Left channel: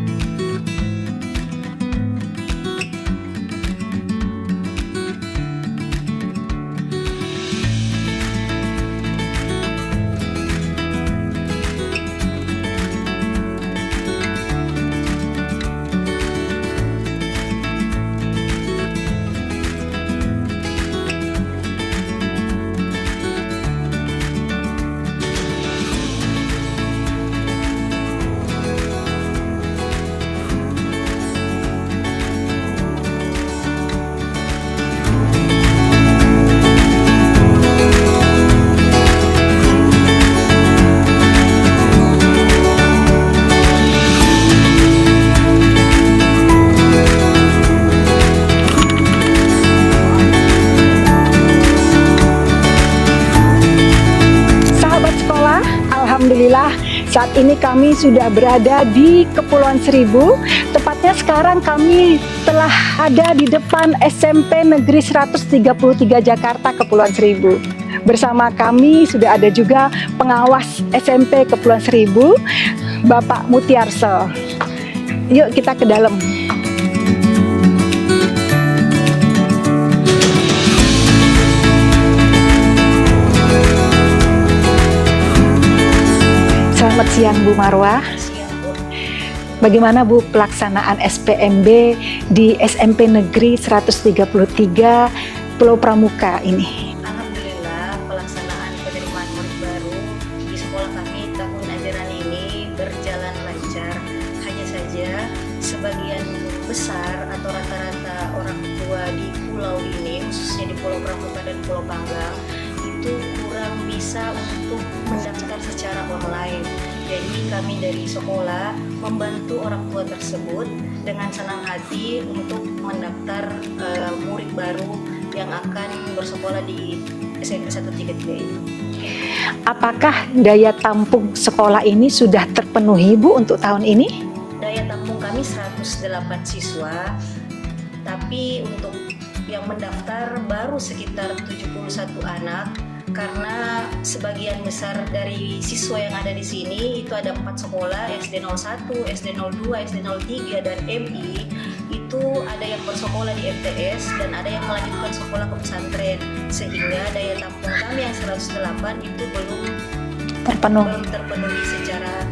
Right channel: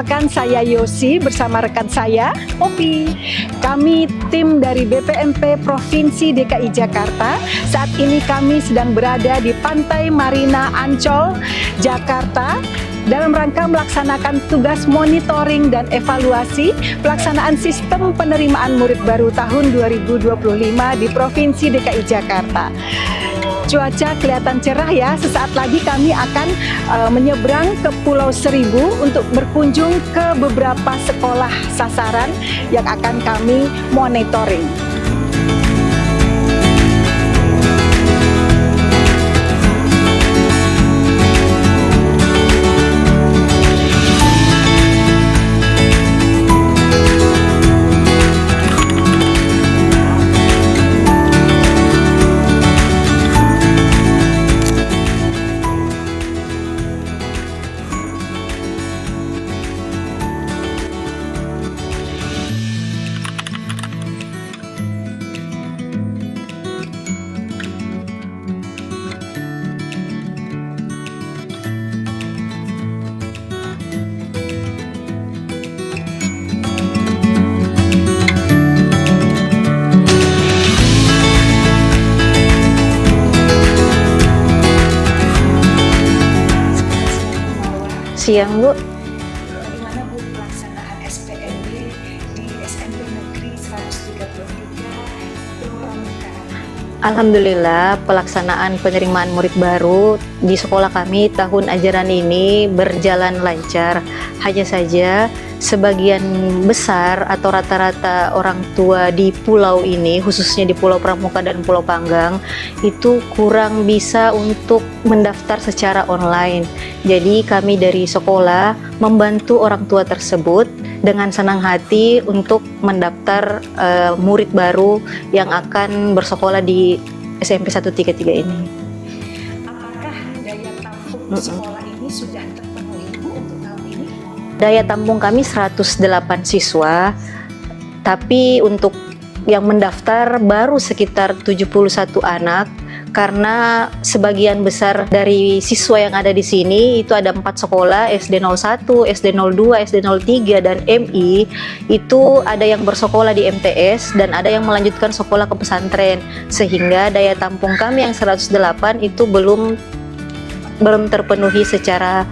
Perkenalkan, saya Yosi bersama rekan saya, Opi. Kami tim dari BPMP Provinsi DKI Jakarta. Saat ini kami sedang berada di Pantai Marina Ancol, Jakarta, dalam rangka melaksanakan tugas monitoring dan evaluasi pelaksanaan sistem penerimaan murid baru tahun 2025 di Provinsi DKI Jakarta. Cuaca kelihatan cerah ya, sesaat lagi kami akan menyeberang ke Pulau Seribu untuk berkunjung ke beberapa sekolah sasaran yang akan kami monitoring. Saat ini kami sudah berada di Kepulauan Seribu. Tepatnya sekarang kami telah ada di depan SMP Negeri 133 Jakarta Kepulauan Seribu. Bersama kami sudah ada juga pengawas SMP Kepulauan Seribu, Bapak Mutiarso. Yuk kita ke dalam. Siang Bu Marwah. Siang Bu. Bagaimana Bu pelaksanaan SPMB di SMP Negeri 133 Pulau Pramuka ini? Alhamdulillah pelaksanaan penerimaan murid baru di sekolah kami tahun ajaran ini berjalan lancar. Hanya saja sebagian besar atau rata-rata orang tua di pulau ini, khususnya di Pulau Pramuka dan Pulau Panggang, itu kurang bisa untuk mendaftar secara online. Jadi kami dari sekolah membantu orang tua tersebut dengan senang hati untuk mendaftar murid baru yang akan bersekolah di SMP 133 ini. Apakah daya tampung sekolah ini sudah terpenuhi Bu untuk tahun ini? Daya tampung kami 108 siswa, tapi untuk yang mendaftar baru sekitar 71 anak. Karena sebagian besar dari siswa yang ada di sini itu ada 4 sekolah, SD 01, SD 02, SD 03 dan MI, itu ada yang bersekolah di MTS dan ada yang melanjutkan sekolah ke pesantren, sehingga daya tampung kami yang 108 itu belum terpenuhi secara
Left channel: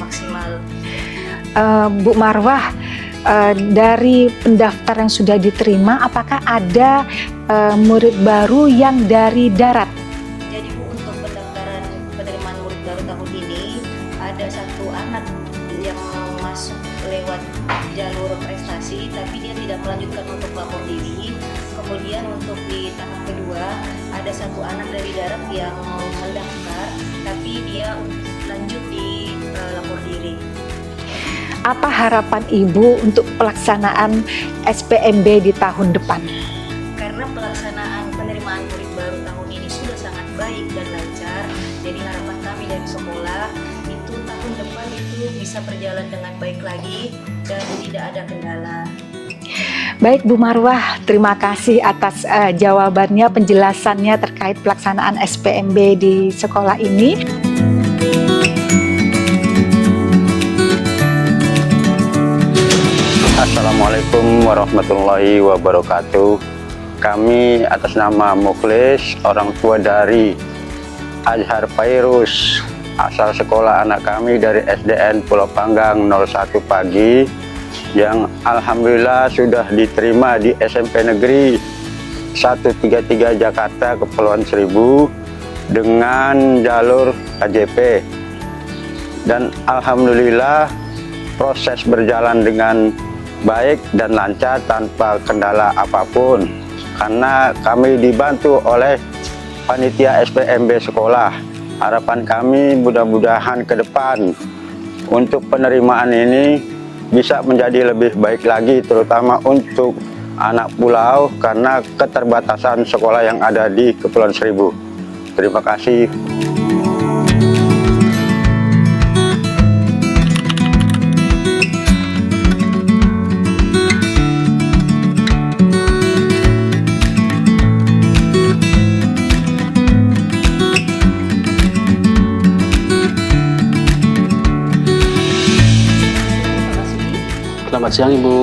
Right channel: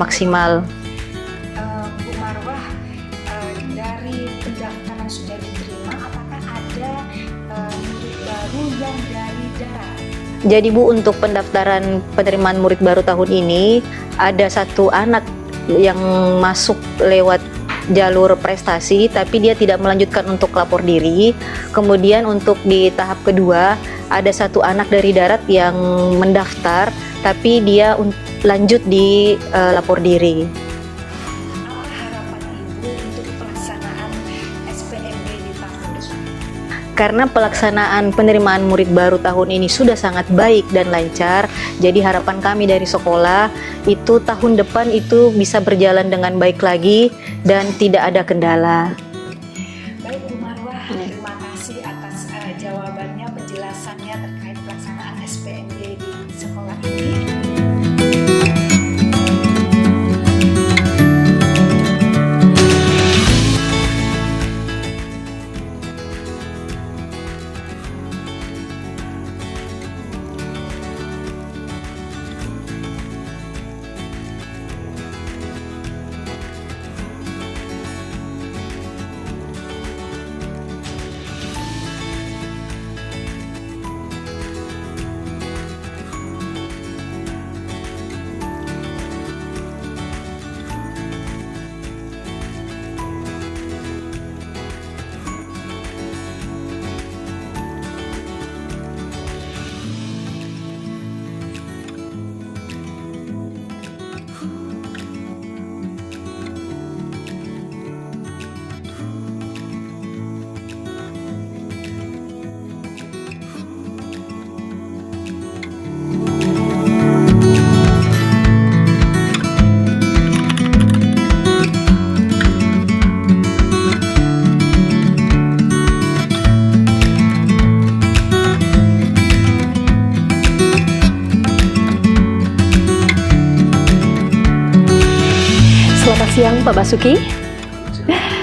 maksimal. Bu Marwah, dari pendaftar yang sudah diterima, apakah ada murid baru yang dari darat? Jadi Bu, untuk pendaftaran penerimaan murid baru tahun ini ada satu anak yang masuk lewat jalur prestasi tapi dia tidak melanjutkan untuk lapor diri. Kemudian untuk di tahap kedua ada satu anak dari darat yang mendaftar tapi dia lanjut di lapor diri. Apa harapan Ibu untuk pelaksanaan SPMB di tahun depan? Karena pelaksanaan penerimaan murid baru tahun ini sudah sangat baik dan lancar, jadi harapan kami dari sekolah itu tahun depan itu bisa berjalan dengan baik lagi dan tidak ada kendala. Baik Bu Marwah, terima kasih atas jawabannya, penjelasannya terkait pelaksanaan SPMB di sekolah ini. Assalamualaikum warahmatullahi wabarakatuh. Kami atas nama Muklis, orang tua dari Azhar Fairuz, asal sekolah anak kami dari SDN Pulau Panggang 01 Pagi, yang alhamdulillah sudah diterima di SMP Negeri 133 Jakarta Kepulauan Seribu dengan jalur KJP. Dan alhamdulillah proses berjalan dengan baik dan lancar tanpa kendala apapun, karena kami dibantu oleh panitia SPMB sekolah. Harapan kami mudah-mudahan ke depan untuk penerimaan ini bisa menjadi lebih baik lagi, terutama untuk anak pulau karena keterbatasan sekolah yang ada di Kepulauan Seribu. Terima kasih. Pak Basuki. Basuki. Selamat siang Ibu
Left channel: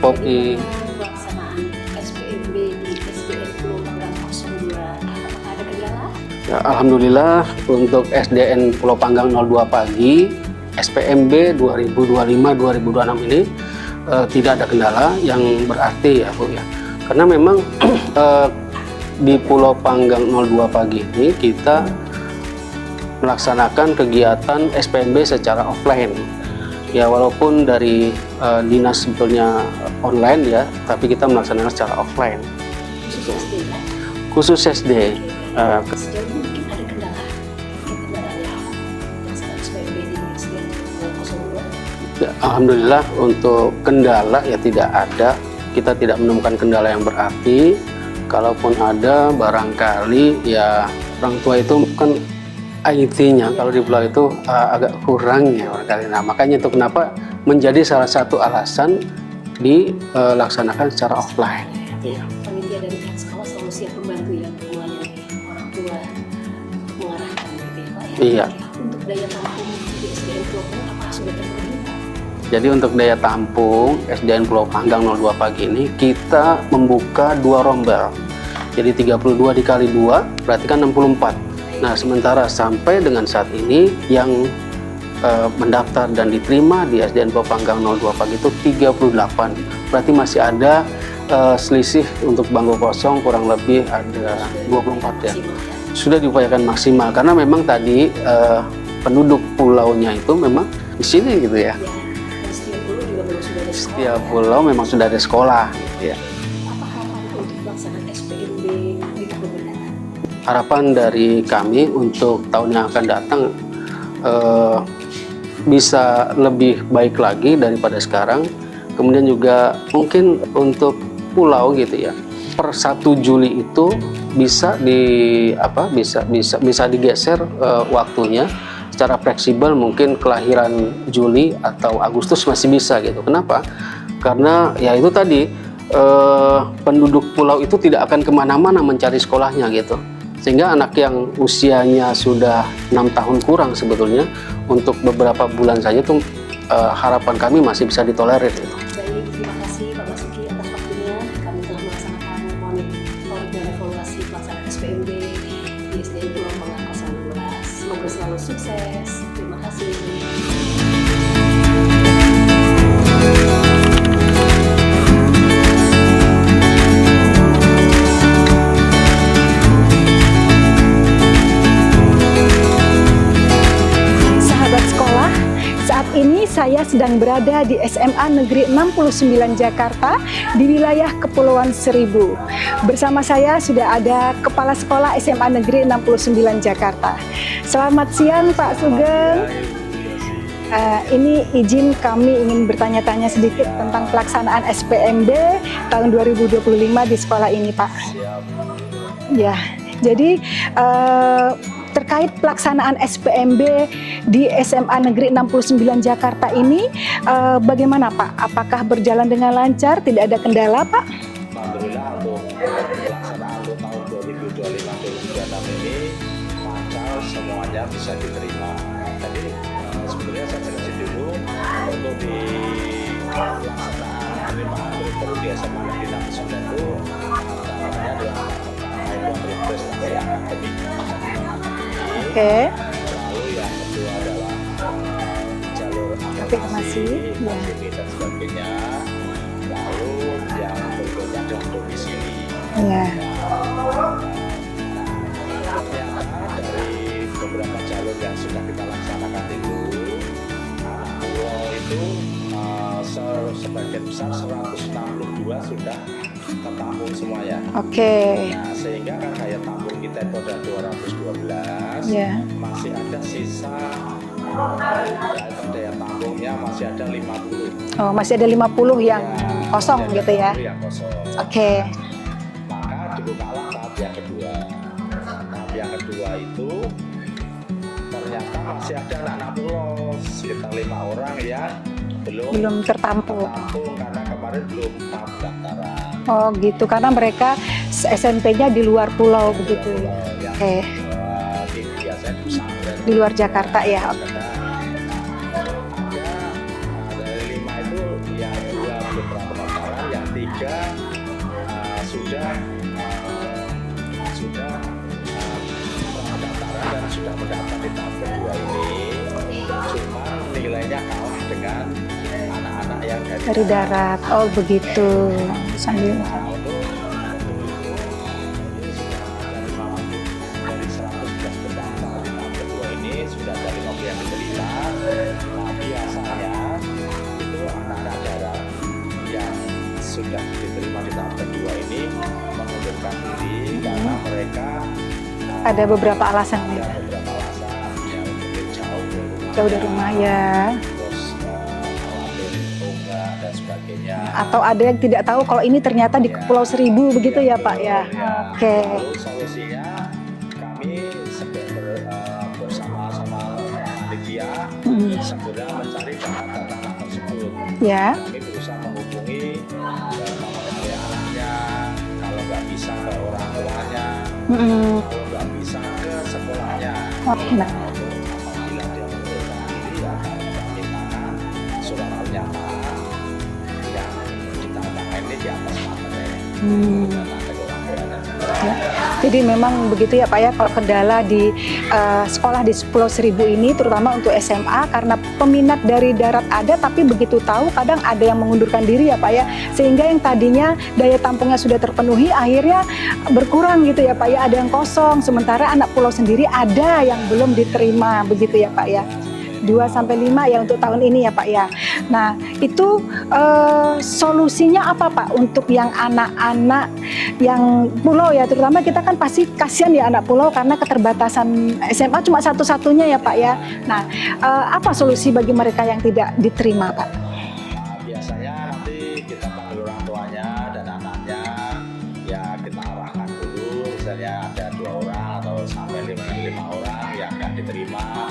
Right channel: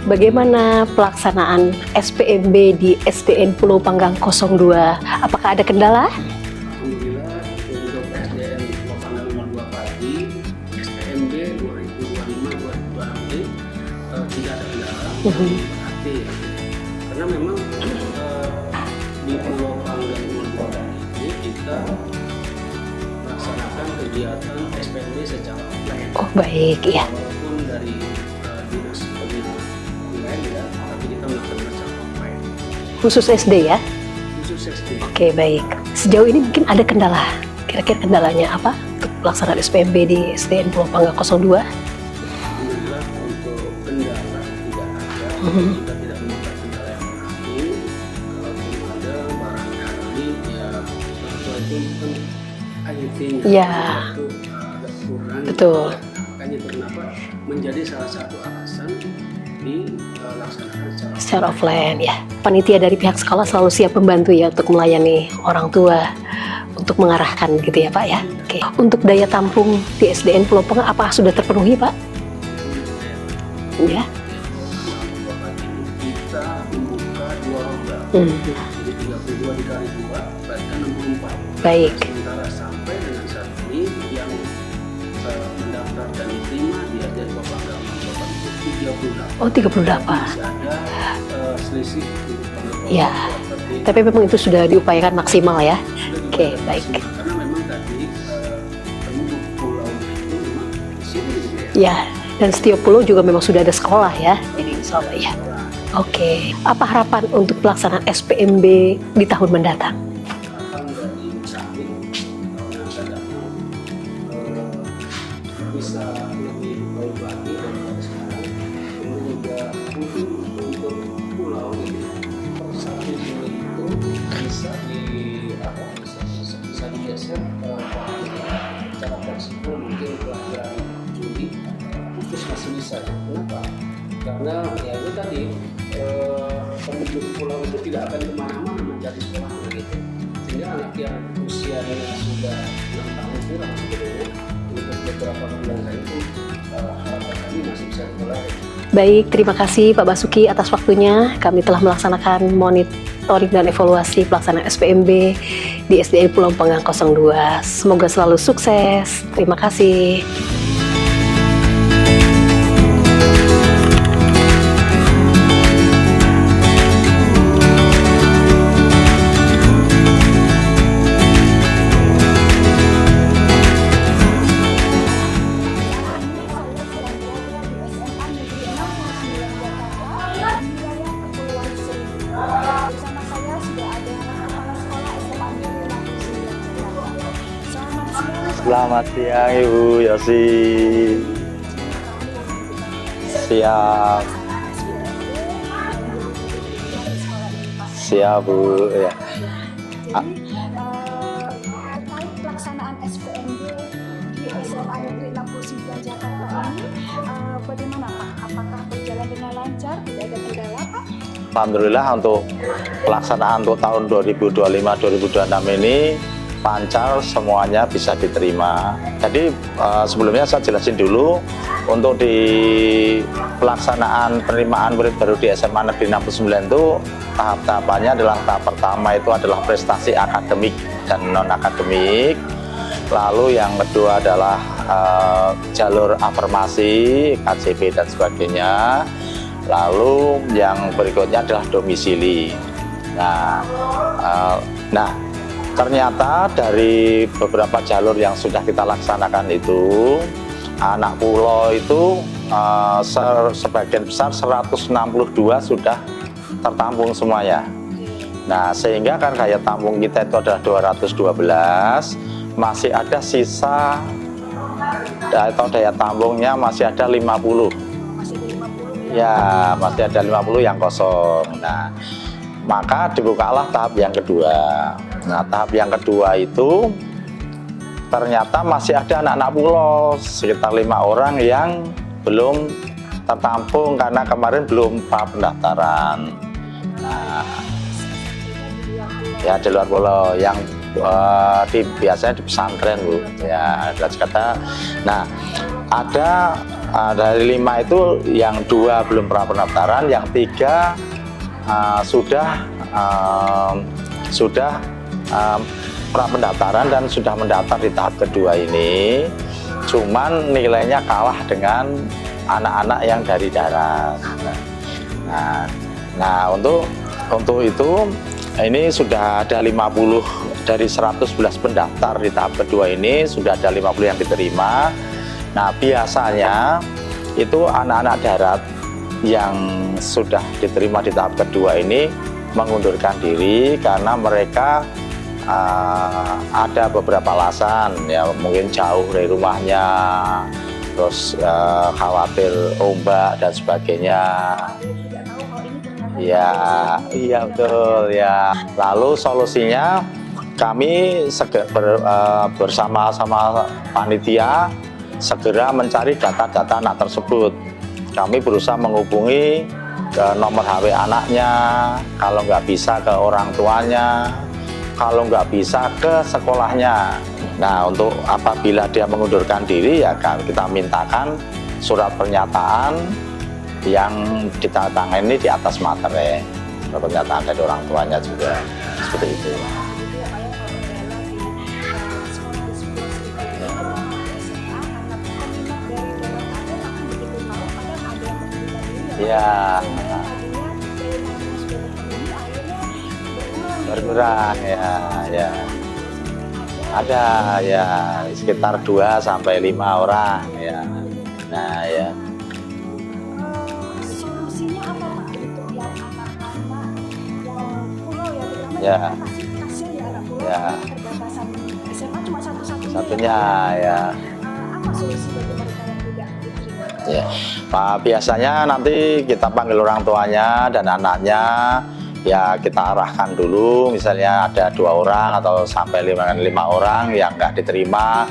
Poppy. Bagaimana pelaksanaan SPMB di SDN Pulau Panggang 02? Apakah ada kendala? Ya, Alhamdulillah untuk SDN Pulau Panggang 02 pagi SPMB 2025-2026 ini tidak ada kendala yang berarti ya Bu ya. Karena memang di Pulau Panggang 02 pagi ini kita melaksanakan kegiatan SPMB secara offline. Oh, baik Ya ya. walaupun dari dinas sebetulnya online ya, tapi kita melaksanakan secara offline. Khusus SD ya? Khusus SD. Oke, baik. Sejauh ini mungkin ada kendala. Kira-kira kendalanya apa untuk pelaksanaan SPMB di SDN Pulau Panggang 02? Ya, Alhamdulillah untuk kendala ya tidak ada. Kita tidak menemukan kendala yang berarti. Kalaupun ada, barangkali ya orang tua itu kan IT-nya Ya. kalau di pulau itu agak kurang ya. Betul. Nah makanya itu kenapa menjadi salah satu alasan dilaksanakan secara offline. Ya. Panitia dari pihak sekolah selalu siap membantu ya untuk melayani orang tua, untuk mengarahkan gitu ya Pak ya. Iya. Oke. Untuk daya tampung di SDN Pulau Panggang apa sudah terpenuhi Pak? Jadi untuk daya tampung Ya. SDN Pulau Panggang 02 pagi ini kita membuka 2 rombel. Jadi 32 dikali 2 berarti kan 64. Baik. Nah sementara sampai dengan saat ini yang mendaftar dan diterima di SDN Pulau Panggang 02 pagi itu 38. Oh, 38. Berarti masih ada selisih untuk bangku kosong Ya. kurang lebih. Tapi memang itu sudah 20. diupayakan maksimal ya. Sudah diupayakan Oke, baik. maksimal karena memang tadi penduduk pulaunya itu memang di sini gitu ya. Ya. Dan setiap pulau juga memang sudah ada sekolah Setiap ya. pulau memang sudah ada sekolah. Oke. Apa harapan untuk pelaksanaan SPMB di tahun mendatang? Harapan dari kami untuk tahun yang akan datang bisa lebih baik lagi daripada sekarang. Kemudian juga mungkin untuk pulau gitu ya. Per 1 Juli itu bisa bisa digeser waktunya secara fleksibel, mungkin kelahiran Juli atau Agustus masih bisa gitu. Kenapa? Karena ya itu tadi penduduk pulau itu tidak akan kemana-mana mencari sekolahnya gitu. Sehingga anak yang usianya sudah 6 tahun kurang sebetulnya untuk beberapa bulan saja tuh harapan kami masih bisa ditolerir. Baik, terima kasih Pak Basuki atas waktunya. Kami telah melaksanakan monitoring dan evaluasi pelaksanaan SPMB di SDN Pulau Panggang 02. Semoga selalu sukses. Terima kasih. Sahabat sekolah, saat ini saya sedang berada di SMA Negeri 69 Jakarta di wilayah Kepulauan Seribu. Bersama saya sudah ada Kepala Sekolah SMA Negeri 69 Jakarta. Selamat siang Pak Selamat Sugeng. siang Ibu Yosi. Ini izin kami ingin bertanya-tanya sedikit Siap. tentang pelaksanaan SPMB tahun 2025 di sekolah ini Pak. Siap Bu. Ya. Ya, jadi terkait pelaksanaan SPMB di SMA Negeri 69 Jakarta ini bagaimana Pak? Apakah berjalan dengan lancar? Tidak ada kendala Pak? Alhamdulillah untuk pelaksanaan untuk tahun 2025-2026 ini lancar, semuanya bisa diterima. Jadi sebelumnya saya jelasin dulu untuk di pelaksanaan penerimaan murid baru di SMA Negeri 69 itu tahap-tahapannya adalah tahap pertama itu adalah prestasi akademik dan non-akademik. Oke. Lalu yang kedua adalah jalur afirmasi, KJP dan sebagainya. Lalu yang berikutnya adalah domisili. Ya. Nah, ternyata dari beberapa jalur yang sudah kita laksanakan itu, anak pulau itu sebagian besar 162 sudah tertampung semuanya. Oke. Nah, sehingga kan daya tampung kita itu adalah 212, Ya. masih ada sisa atau daya tampungnya masih ada 50. Oh, masih ada 50 yang Ya, kosong masih ada gitu 50 ya. yang kosong. Oke. Nah, maka dibukalah tahap yang kedua. Nah, tahap yang kedua itu ternyata masih ada anak-anak pulau sekitar 5 orang yang belum tertampung. tertampung karena kemarin belum tahap pendaftaran. Oh gitu, karena mereka SMP-nya di luar pulau. Ya, di luar gitu. pulau yang Oke. biasanya di pesantren Di luar Jakarta ya. Jakarta. Nah, ada Dari 5 itu yang 2 belum pernah pendaftaran, yang 3 sudah pra pendaftaran dan sudah mendaftar di tahap kedua ini. Cuman nilainya kalah dengan anak-anak yang dari darat. Oh begitu. Nah, untuk itu ini sudah ada 50 dari 111 pendaftar di tahap kedua ini, sudah ada 50 yang diterima. Nah, biasanya itu anak-anak darat yang sudah diterima di tahap kedua ini mengundurkan diri karena mereka ada beberapa alasan. Ya, mungkin jauh dari rumahnya, terus khawatir ombak dan sebagainya, atau ada yang tidak tahu kalau ini ternyata di Kepulauan Seribu begitu ya Pak ya. Okay. Lalu solusinya kami bersama-sama panitia segera mencari data-data anak tersebut. Kami berusaha menghubungi ke nomor HP anaknya, kalau nggak bisa ke orang tuanya, kalau nggak bisa ke sekolahnya. Nah, untuk apabila dia mengundurkan diri, ya kita mintakan surat pernyataan yang ditandatangani di atas materai, pernyataan dari orang tuanya juga. Jadi memang begitu ya Pak ya, kalau kendala di sekolah di Pulau Seribu ini, terutama untuk SMA, karena peminat dari darat ada, tapi begitu tahu kadang ada yang mengundurkan diri ya Pak ya, sehingga yang tadinya daya tampungnya sudah terpenuhi, akhirnya berkurang gitu ya Pak ya, ada yang kosong, sementara anak pulau sendiri ada yang belum diterima, begitu ya Pak ya. 2 sampai 5 orang. 2 sampai 5 ya untuk tahun ini ya Pak ya. Nah, itu solusinya apa Pak untuk yang anak-anak yang pulau ya, terutama kita kan pasti kasihan ya anak pulau karena keterbatasan SMA cuma satu-satunya ya Pak ya. Nah, apa solusi bagi mereka yang tidak diterima Pak? Pak, biasanya nanti kita panggil orang tuanya dan anaknya, ya kita arahkan dulu, misalnya ada 2 orang atau sampai 5 orang yang nggak diterima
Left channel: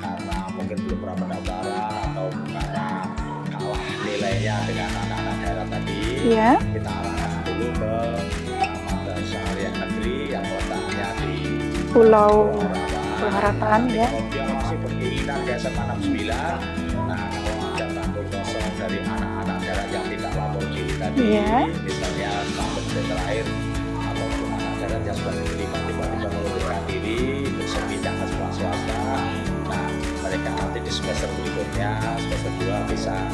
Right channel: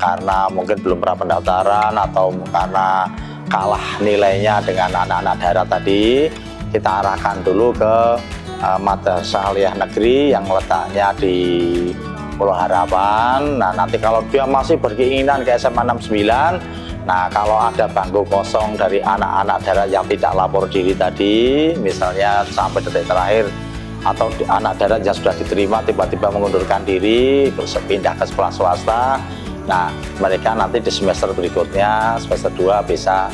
karena mungkin belum pernah pendaftaran atau karena kalah nilainya dengan anak-anak darat tadi, kita arahkan dulu ke Madrasah Aliyah Negeri yang letaknya di Pulau Harapan. Nah, nanti kalau dia masih berkeinginan ke SMA 69, nah kalau ada bangku kosong dari anak-anak darat yang tidak lapor diri tadi, misalnya sampai detik terakhir, atau anak darat yang sudah diterima tiba-tiba mengundurkan diri, terus pindah ke sekolah swasta, nah mereka nanti di semester berikutnya, semester 2 bisa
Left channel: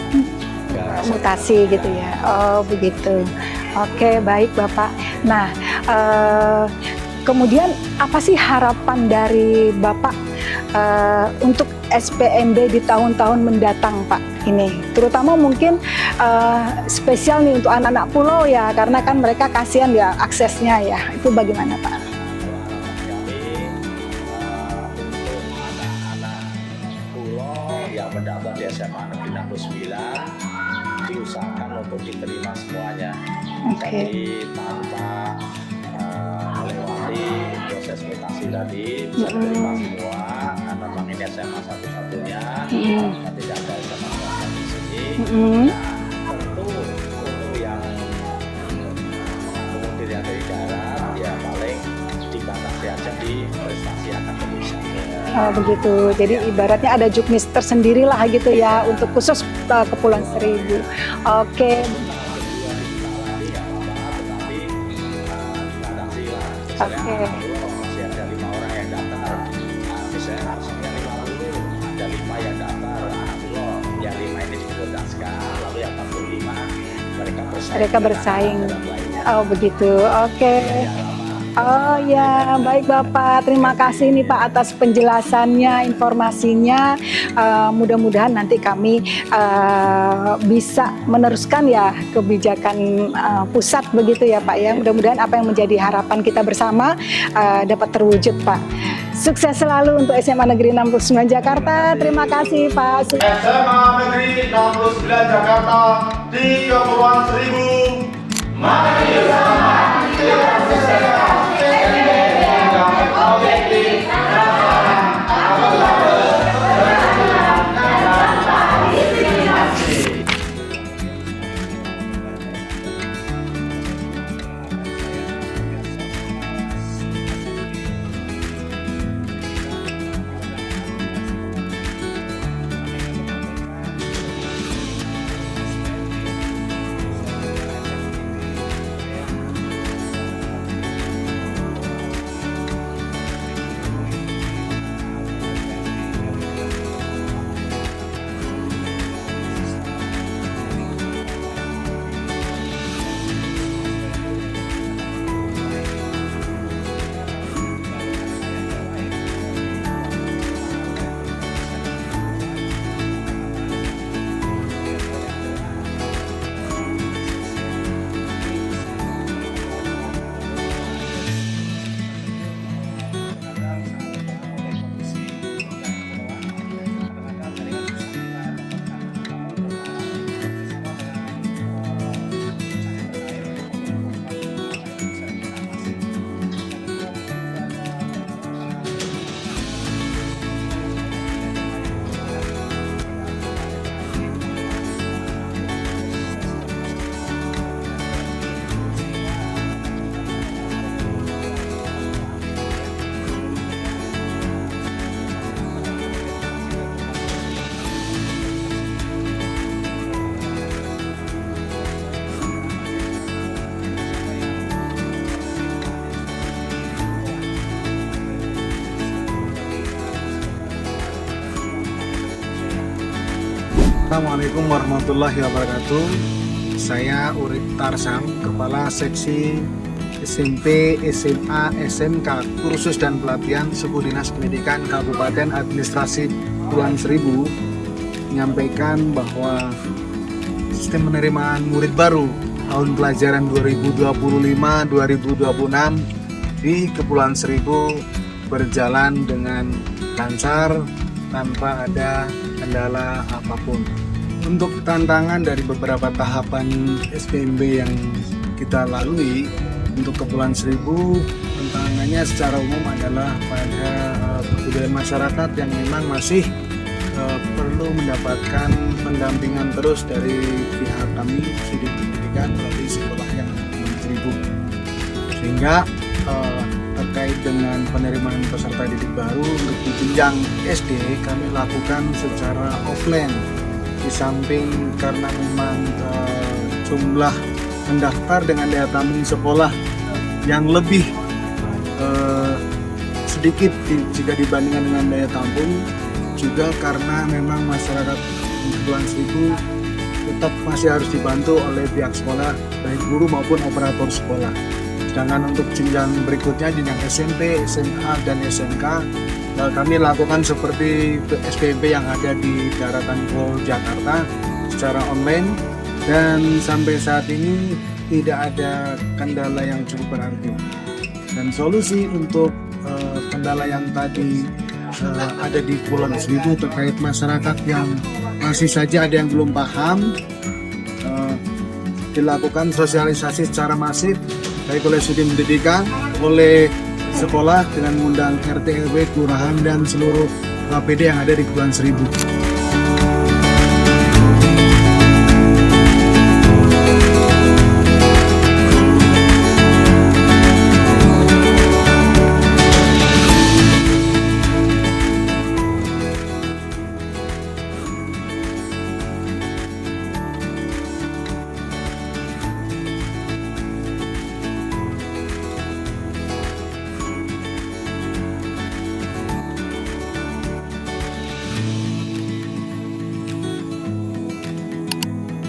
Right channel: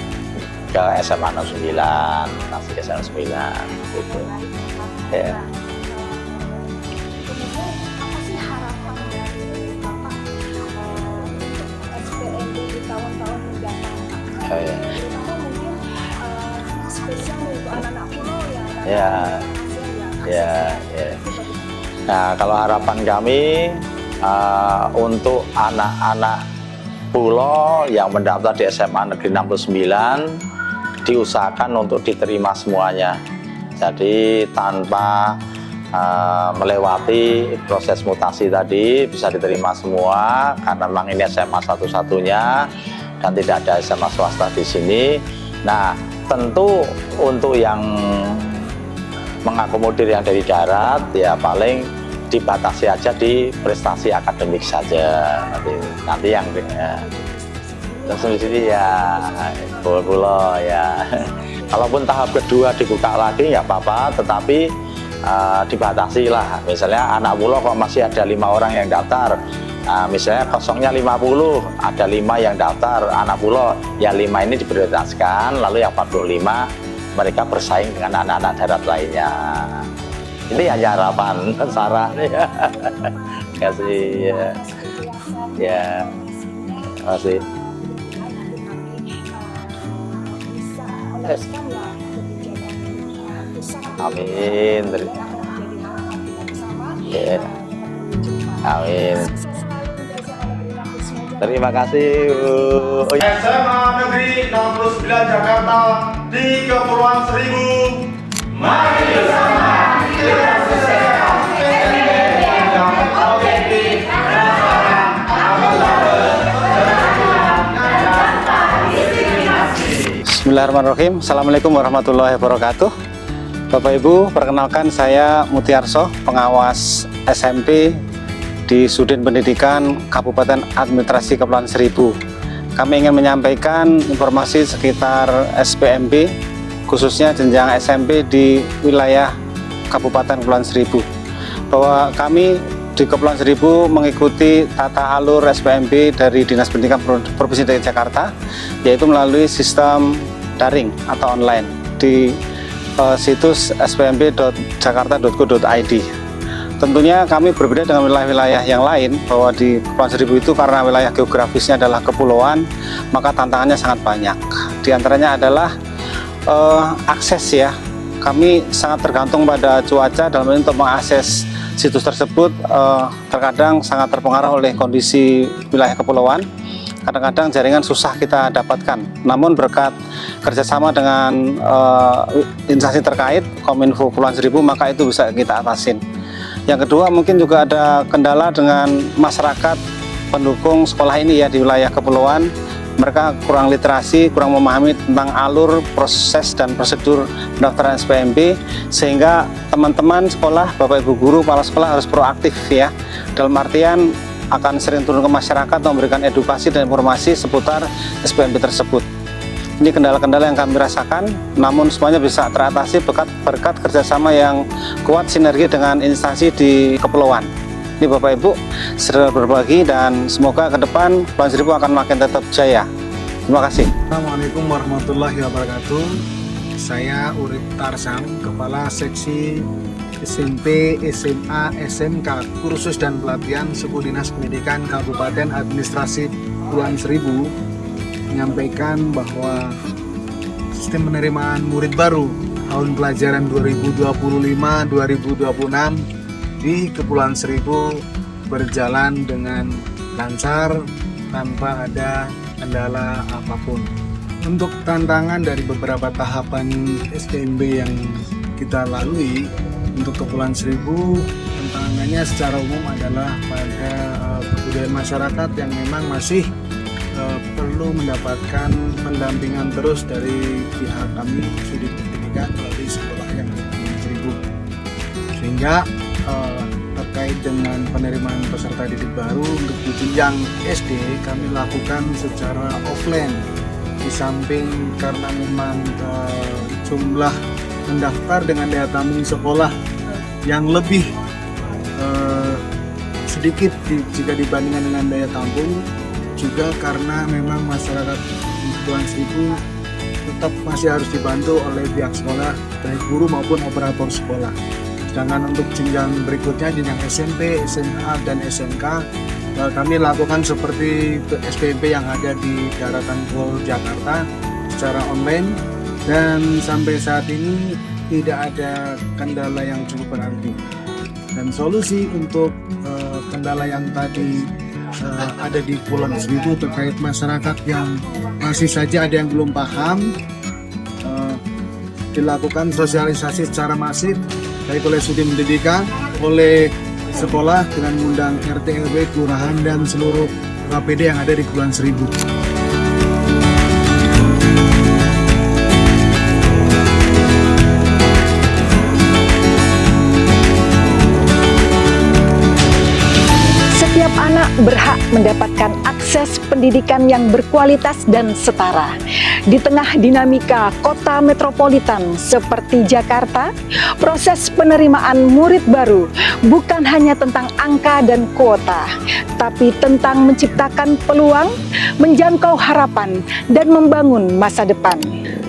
ke SMA 69. Gitu ya? Oh begitu. Oke, baik Bapak. Nah, kemudian apa sih harapan dari Bapak untuk SPMB di tahun-tahun mendatang Pak ini? Terutama mungkin spesial nih untuk anak-anak pulau ya, karena kan mereka kasihan ya aksesnya ya. Itu bagaimana Pak? Nah, kalau harapan kami untuk anak-anak pulau yang mendaftar di SMA Negeri 69 diusahakan untuk diterima semuanya. Jadi tanpa melewati proses mutasi tadi bisa diterima semua, karena memang ini SMA satu-satunya dan tidak ada SMA swasta di sini. Nah, tentu untuk yang mengakomodir yang dari darat ya paling dibatasi aja di prestasi akademik saja. Oh begitu. Jadi ibaratnya ada juknis tersendiri lah gitu ya, untuk khusus Pulau Seribu. Oke. Kalaupun tahap kedua dibuka lagi ya apa-apa, tetapi dibatasi lah. Misalnya anak pulau kok masih ada 5 orang yang daftar. Misalnya kosongnya 50, ada 5 yang daftar anak pulau, ya 5 ini diprioritaskan, lalu yang 45 mereka bersaing dengan anak-anak darat lainnya. Oh begitu, oke. Ini hanya harapan bersama. Oh ya, baik Bapak. Terima kasih nih Pak atas penjelasannya, informasinya. Mudah-mudahan nanti kami bisa meneruskan ya kebijakan pusat begitu ya Pak ya. Mudah-mudahan apa yang menjadi harapan kita bersama dapat terwujud Pak. Sukses selalu untuk SMA Negeri 69 Jakarta. Terima kasih Pak. SMA Negeri 69 Jakarta di Kepulauan Seribu. Mari bersama kita selesaikan SPMB yang objektif, transparan, akuntabel, dan tanpa diskriminasi. Bismillahirrahmanirrahim. Assalamualaikum warahmatullahi wabarakatuh. Bapak Ibu, perkenalkan saya Mutiarso, pengawas SMP di Sudin Pendidikan Kabupaten Administrasi Kepulauan Seribu. kami ingin menyampaikan informasi sekitar SPMB, khususnya jenjang SMP di wilayah Kabupaten Kepulauan Seribu. Bahwa kami di Kepulauan Seribu mengikuti tata alur SPMB dari Dinas Pendidikan Provinsi DKI Jakarta, yaitu melalui sistem daring atau online di situs spmb.jakarta.go.id. Tentunya kami berbeda dengan wilayah-wilayah yang lain, bahwa di Kepulauan Seribu itu karena wilayah geografisnya adalah kepulauan, maka tantangannya sangat banyak. Di antaranya adalah akses ya. Kami sangat tergantung pada cuaca dalam hal ini untuk mengakses situs tersebut, terkadang sangat terpengaruh oleh kondisi wilayah kepulauan. Kadang-kadang jaringan susah kita dapatkan. Namun berkat kerjasama dengan instansi terkait, Kominfo Kepulauan Seribu, maka itu bisa kita atasin. Yang kedua, mungkin juga ada kendala dengan masyarakat pendukung sekolah ini ya di wilayah kepulauan. Mereka kurang literasi, kurang memahami tentang alur, proses, dan prosedur pendaftaran SPMB, sehingga teman-teman sekolah, Bapak Ibu guru, kepala sekolah harus proaktif ya. Dalam artian akan sering turun ke masyarakat memberikan edukasi dan informasi seputar SPMB tersebut. Ini kendala-kendala yang kami rasakan, namun semuanya bisa teratasi berkat kerjasama yang kuat sinergi dengan instansi di kepulauan. Ini Bapak Ibu sudah berbagi, dan semoga ke depan Kepulauan Seribu akan makin tetap jaya. Terima kasih. Assalamualaikum warahmatullahi wabarakatuh. Saya Urip Tarsam, Kepala Seksi SMP, SMA, SMK, Kursus dan Pelatihan Suku Dinas Pendidikan Kabupaten Administrasi Kepulauan Seribu, menyampaikan bahwa sistem penerimaan murid baru tahun pelajaran 2025-2026 di Kepulauan Seribu berjalan dengan lancar tanpa ada kendala apapun. Untuk tantangan dari beberapa tahapan SPMB yang kita lalui untuk Kepulauan Seribu, tantangannya secara umum adalah pada kebudayaan masyarakat yang memang masih perlu mendapatkan pendampingan terus dari pihak kami Sudin Pendidikan melalui sekolah yang di Kepulauan Seribu, sehingga terkait dengan penerimaan peserta didik baru untuk di jenjang SD kami lakukan secara offline. Di samping karena memang jumlah mendaftar dengan daya tampung sekolah yang lebih sedikit jika dibandingkan dengan daya tampung, juga karena memang masyarakat Kepulauan Seribu tetap masih harus dibantu oleh pihak sekolah, baik guru maupun operator sekolah. Sedangkan untuk jenjang berikutnya, jenjang SMP, SMA, dan SMK, kami lakukan seperti SPMB yang ada di daratan Pol Jakarta secara online, dan sampai saat ini tidak ada kendala yang cukup berarti. Dan solusi untuk kendala yang tadi ada di Kepulauan Seribu terkait masyarakat yang masih saja ada yang belum paham, dilakukan sosialisasi secara masif baik oleh Sudin Pendidikan, oleh sekolah dengan mengundang RT, RW, kelurahan, dan seluruh KPD yang ada di Kepulauan Seribu. Setiap anak berhak mendapatkan akses pendidikan yang berkualitas dan setara. Di tengah dinamika kota metropolitan seperti Jakarta, proses penerimaan murid baru bukan hanya tentang angka dan kuota, tapi tentang menciptakan peluang, menjangkau harapan, dan membangun masa depan.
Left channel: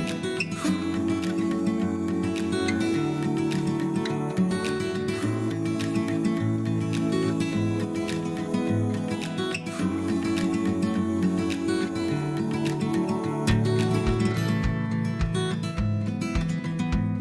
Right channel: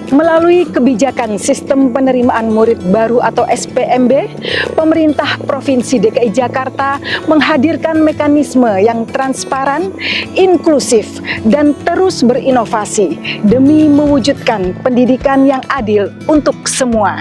Melalui kebijakan sistem penerimaan murid baru atau SPMB, pemerintah Provinsi DKI Jakarta menghadirkan mekanisme yang transparan, inklusif, dan terus berinovasi demi mewujudkan pendidikan yang adil untuk semua.